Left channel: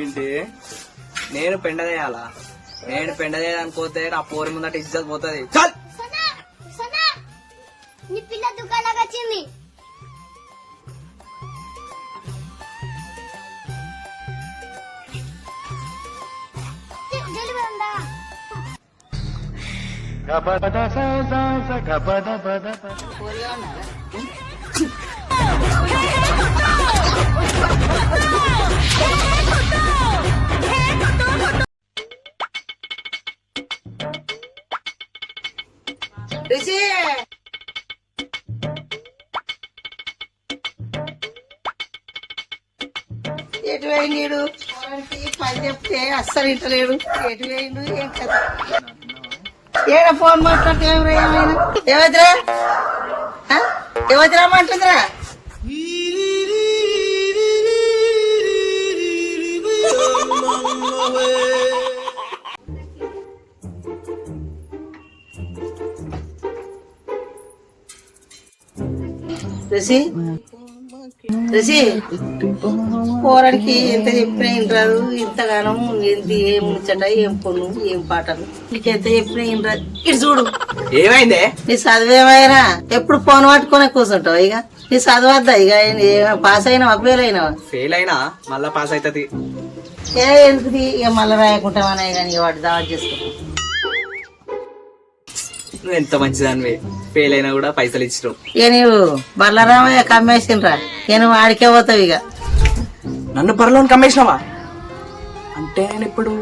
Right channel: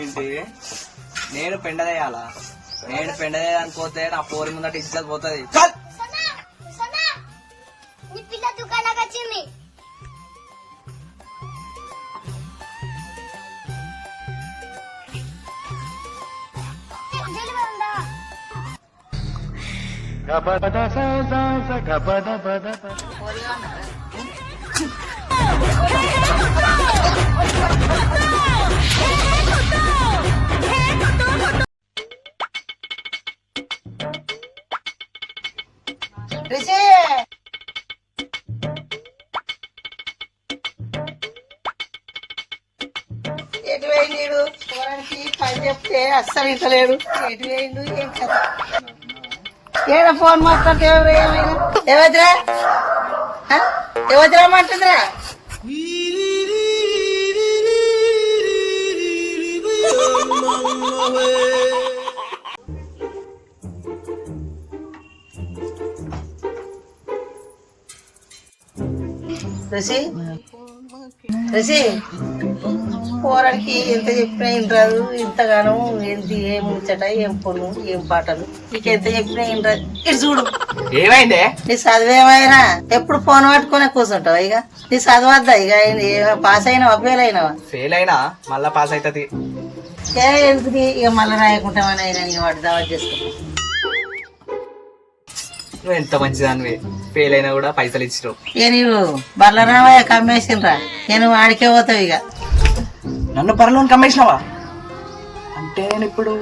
ఏంటి నేను పెండదేయాలా? నేను పెండదేయాలని పోతే నా పోరి ముందట ఇజ్జత్ పోతుంది. ఎటు వేయండు పని చెప్తే అస్సలు ఇంటలేడు. ఎటు వేయండు ఏం కదా ఏడ ఫోన్ మాట్లాడితే ఎవరు ఏమైనా ఎవరిరా ఎవరిరామంటుందిరా? పోరానికి ఎంత చెప్పినా ఇంటారు. ఇంతగానో ఏంటి ఏం ముచ్చట ఏం పొన్ను ఏం పాటలు నీకెంత చెప్పినా ఇంటారు. ఇటు చూడు ఏమైందే? నీ చదివేమైనా ఎప్పుడు ఫోన్ పట్టుకునే కూర్చుంటావు. ఇక నీ చదవద్దా? ఇక పాస్ అయినావా ఫెయిల్ అయినావా? ఫెయిల్ అయినా మళ్ళా పాస్ అవుతుంది. ఎందుకు ఇక మళ్ళీ రాయకుంటామనే కానీ వాటి దావా చేసుకుంటా. నువ్వు ఎంత మంచిదానివే, ఫెయిల్ అయినా కూడా పైసలు ఇచ్చినావు. ఇక నీవు బర్లరామయ్య కమ్మేసినరా? నేను ఆడికే పోతావు. ఇక నన్ను పరలోని కమ్మేసినావా? అంటే నేను ఇప్పుడు